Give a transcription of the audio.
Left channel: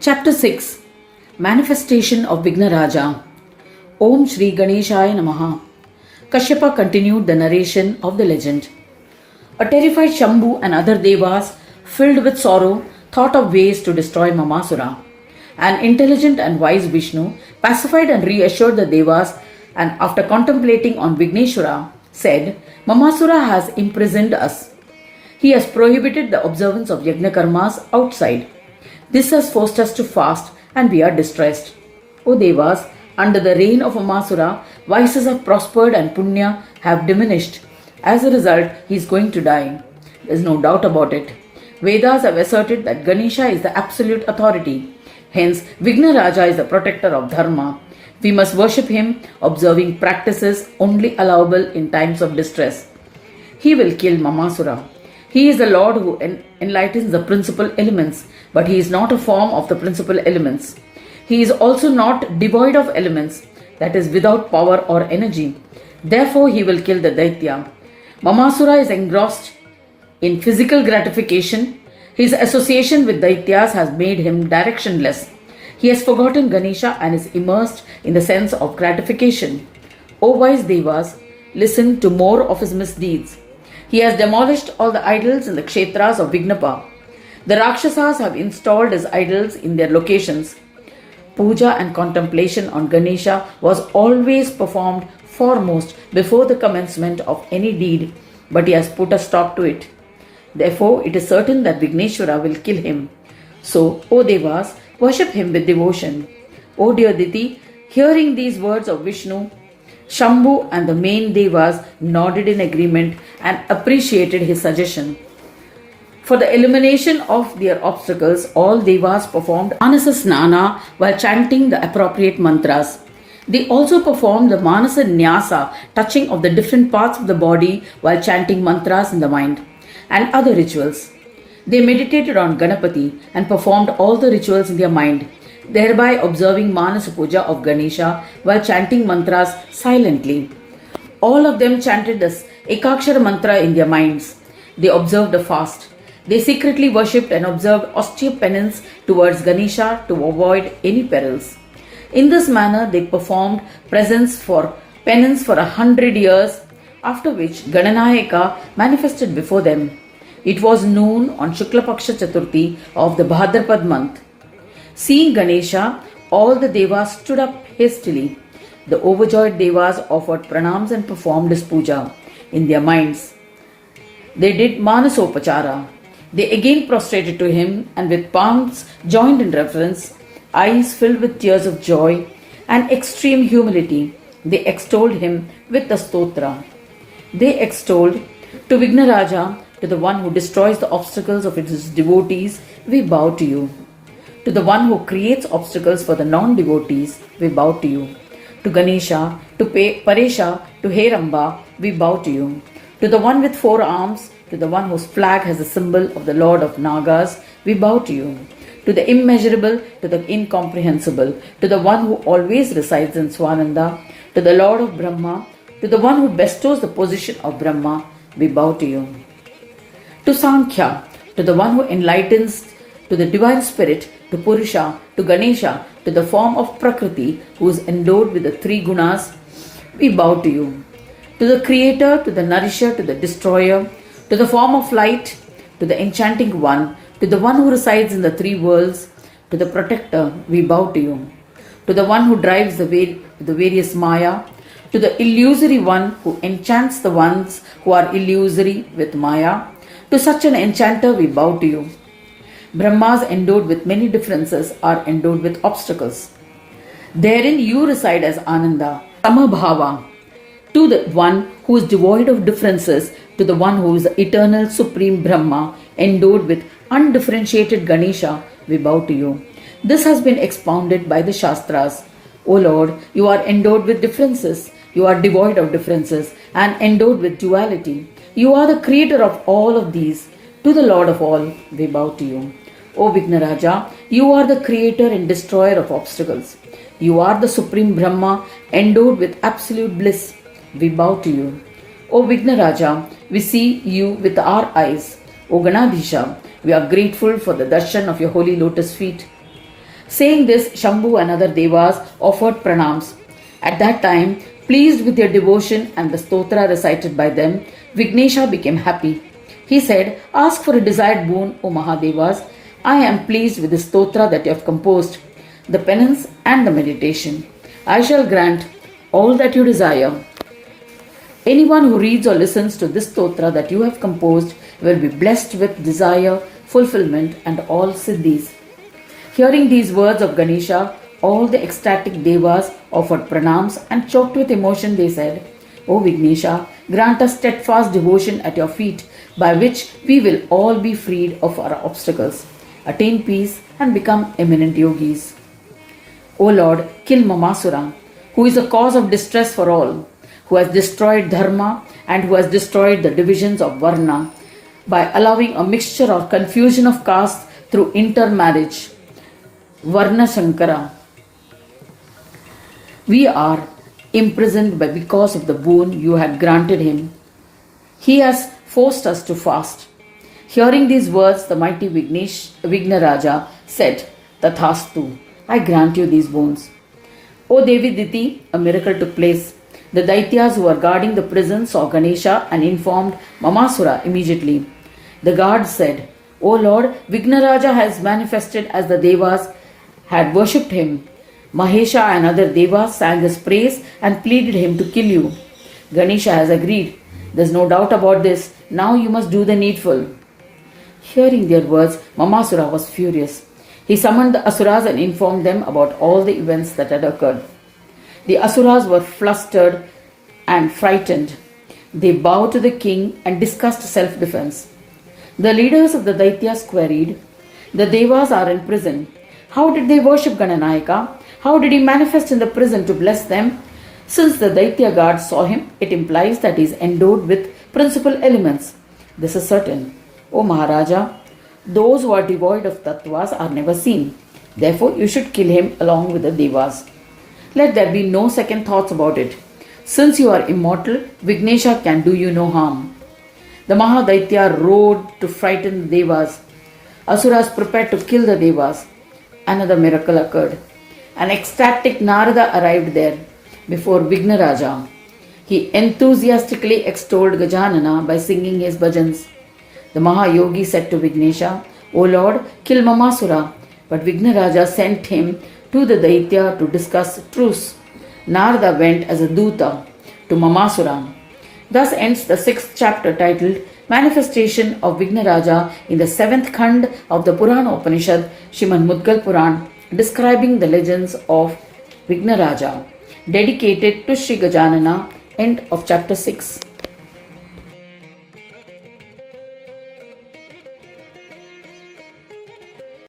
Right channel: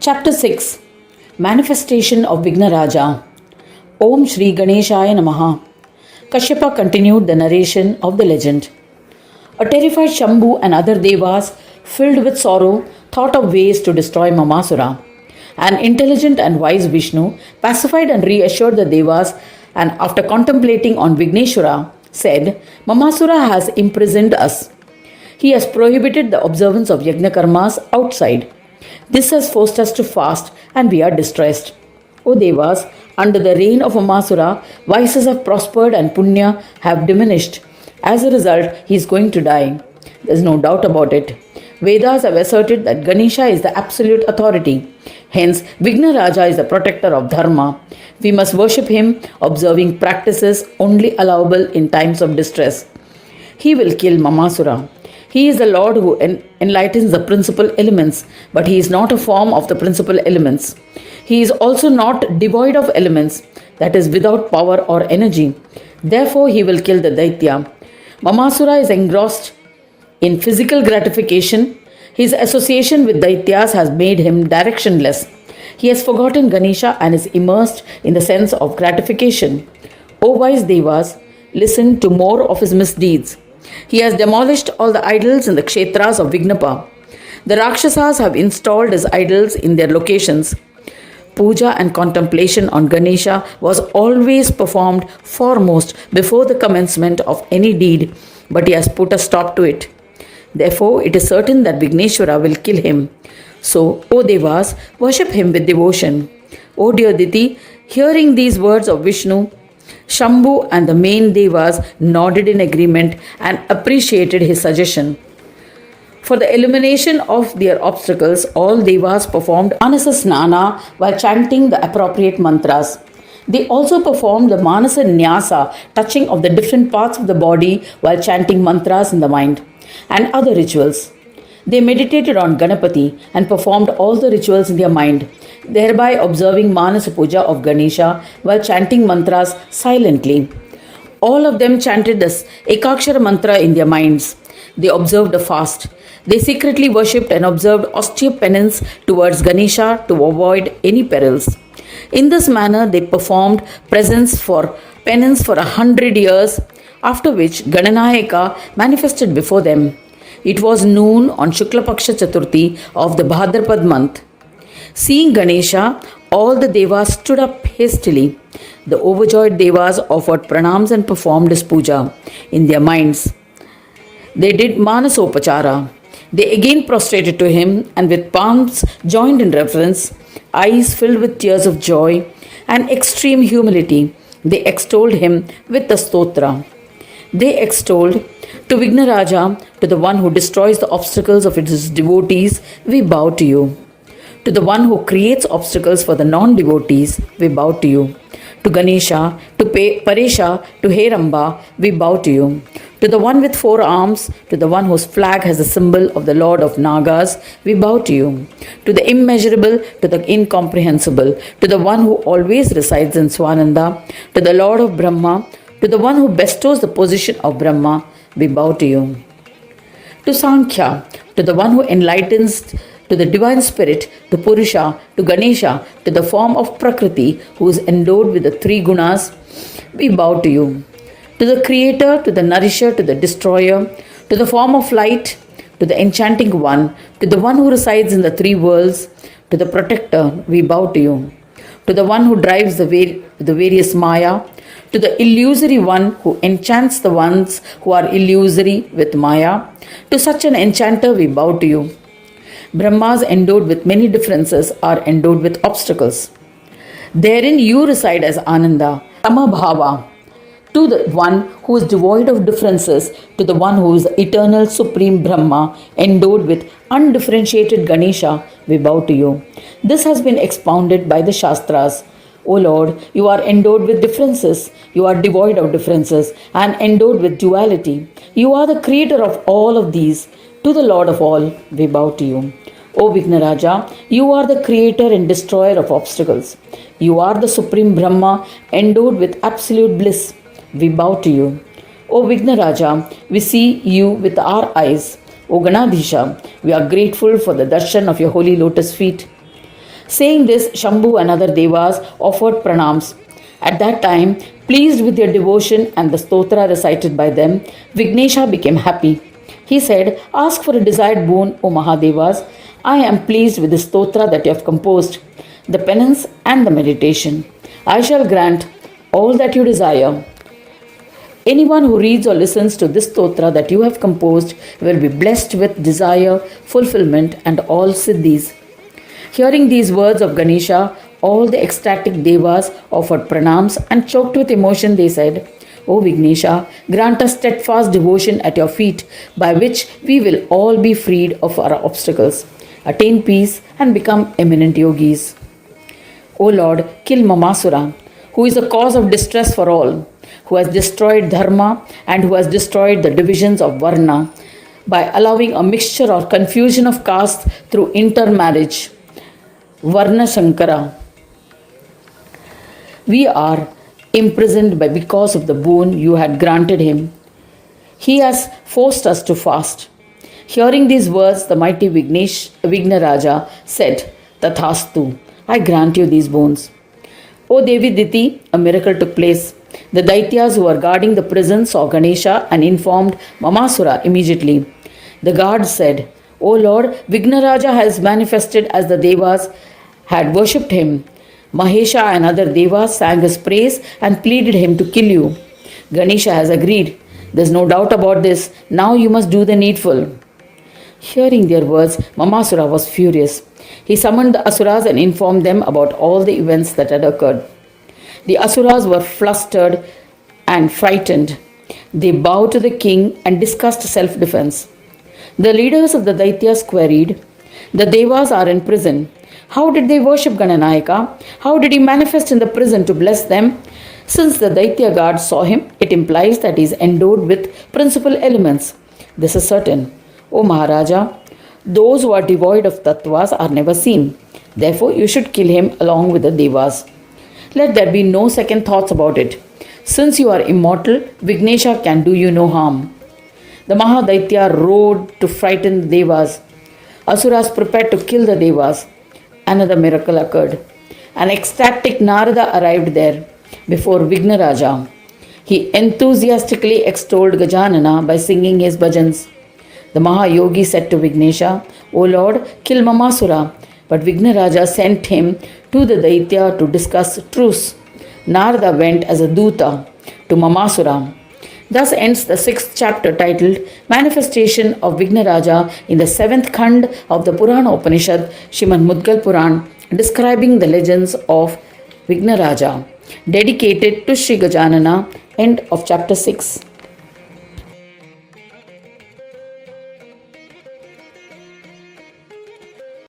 Chapter 6 Manifestation of Vighnaraja. Om Shri Ganeshaya Namaha. Kashyapa continued the narration of the legend. A terrified Shambhu and other devas, filled with sorrow, thought of ways to destroy Mamasura. An intelligent and wise Vishnu pacified and reassured the devas, and after contemplating on Vighneshwara, said, Mamasura has imprisoned us. He has prohibited the observance of yajna karmas outside. This has forced us to fast, and we are distressed. O Devas, under the reign of Amasura, vices have prospered and punya have diminished. As a result, he is going to die. There is no doubt about it. Vedas have asserted that Ganesha is the absolute authority. Hence, Vighnaraja is the protector of dharma. We must worship him, observing practices only allowable in times of distress. He will kill Mamasura. He is the Lord who enlightens the principal elements, but he is not a form of the principal elements. He is also not devoid of elements, that is, without power or energy. Therefore, he will kill the Daitya. Mamasura is engrossed in physical gratification. His association with Daityas has made him directionless. He has forgotten Ganesha and is immersed in the sense of gratification. O wise Devas, listen to more of his misdeeds. He has demolished all the idols in the kshetras of Vignapa. The Rakshasas have installed his idols in their locations. Puja and contemplation on Ganesha was always performed foremost before the commencement of any deed, but he has put a stop to it. Therefore, it is certain that Vighneshwara will kill him. So, O Devas, worship him with devotion. O dear Diti, hearing these words of Vishnu, Shambhu and the main Devas nodded in agreement and appreciated his suggestion. For the elimination of their obstacles, all Devas performed Manasa Snana while chanting the appropriate mantras. They also performed the Manasa Nyasa, touching of the different parts of the body while chanting mantras in the mind, and other rituals. They meditated on Ganapati and performed all the rituals in their mind, thereby observing Manasa Puja of Ganesha while chanting mantras silently. All of them chanted this Ekakshara mantra in their minds. They observed a fast. They secretly worshipped and observed austere penance towards Ganesha to avoid any perils. In this manner, they performed penance for 100 years, after which Gananayaka manifested before them. It was noon on Shukla Paksha Chaturthi of the Bhadrapad month. Seeing Ganesha, all the Devas stood up hastily. The overjoyed Devas offered pranams and performed his puja in their minds. They did Manasopachara. They again prostrated to him, and with palms joined in reverence, eyes filled with tears of joy and extreme humility, they extolled him with the stotra. They extolled, to Vighnaraja, to the one who destroys the obstacles of his devotees, we bow to you. To the one who creates obstacles for the non-devotees, we bow to you. To Ganesha, to Paresha, to Heramba, we bow to you. To the one with 4 arms, to the one whose flag has the symbol of the Lord of Nagas, we bow to you. To the immeasurable, to the incomprehensible, to the one who always resides in Swananda, to the Lord of Brahma, to the one who bestows the position of Brahma, we bow to you. To Sankhya, to the one who enlightens, to the divine spirit, to Purusha, to Ganesha, to the form of Prakriti, who is endowed with the 3 gunas, we bow to you. To the creator, to the nourisher, to the destroyer, to the form of light, to the enchanting one, to the one who resides in the 3 worlds, to the protector, we bow to you. To the one who drives the various Maya, to the illusory one who enchants the ones who are illusory with Maya, to such an enchanter we bow to you. Brahmas endowed with many differences are endowed with obstacles. Therein you reside as Ananda, Samabhava. To the one who is devoid of differences, to the one who is the eternal supreme Brahma, endowed with undifferentiated Ganesha, we bow to you. This has been expounded by the Shastras. O Lord, you are endowed with differences, you are devoid of differences, and endowed with duality. You are the creator of all of these. To the Lord of all, we bow to you. O Vighnaraja, you are the creator and destroyer of obstacles. You are the supreme Brahma, endowed with absolute bliss. We bow to you. O Vighnaraja, we see you with our eyes. O Ganadhisha, we are grateful for the darshan of your holy lotus feet. Saying this, Shambhu and other devas offered pranams. At that time, pleased with their devotion and the stotra recited by them, Vignesha became happy. He said, ask for a desired boon, O Mahadevas. I am pleased with the stotra that you have composed, the penance and the meditation. I shall grant all that you desire. Anyone who reads or listens to this stotra that you have composed will be blessed with desire, fulfillment, and all siddhis. Hearing these words of Ganesha, all the ecstatic devas offered pranams and choked with emotion. They said, O Vignesha, grant us steadfast devotion at your feet, by which we will all be freed of our obstacles, attain peace, and become eminent yogis. O Lord, kill Mamasura, who is a cause of distress for all, who has destroyed dharma and who has destroyed the divisions of varna by allowing a mixture or confusion of castes through intermarriage. Varna Shankara. We are imprisoned because of the boon you had granted him. He has forced us to fast. Hearing these words, the mighty Vighnaraja said, Tathastu, I grant you these boons. O Devi Diti, a miracle took place. The Daityas who were guarding the prison saw Ganesha and informed Mamasura immediately. The guards said, O Lord, Vighnaraja has manifested as the Devas had worshipped him. Mahesha and other Devas sang his praise and pleaded him to kill you. Ganesha has agreed. There's no doubt about this. Now you must do the needful. Hearing their words, Mamasura was furious. He summoned the Asuras and informed them about all the events that had occurred. The Asuras were flustered and frightened. They bowed to the king and discussed self-defense. The leaders of the Daityas queried, the Devas are in prison. How did they worship Gananayaka? How did he manifest in the prison to bless them? Since the Daitya guards saw him, it implies that he is endowed with principal elements. This is certain. O Maharaja, those who are devoid of tattvas are never seen. Therefore, you should kill him along with the Devas. Let there be no second thoughts about it. Since you are immortal, Vignesha can do you no harm. The Mahadaitya rode to frighten the Devas. Asuras prepared to kill the Devas. Another miracle occurred. An ecstatic Narada arrived there before Vighnaraja. He enthusiastically extolled Gajanana by singing his bhajans. The Mahayogi said to Vignesha, O Lord, kill Mamasura. But Vighnaraja sent him to the Daitya to discuss truce. Narada went as a Duta to Mamasura. Thus ends the 6th chapter titled Manifestation of Vighnaraja in the 7th Khand of the Purana Upanishad, Srimad Mudgal Puran, describing the legends of Vighnaraja, dedicated to Sri Gajanana. End of chapter 6.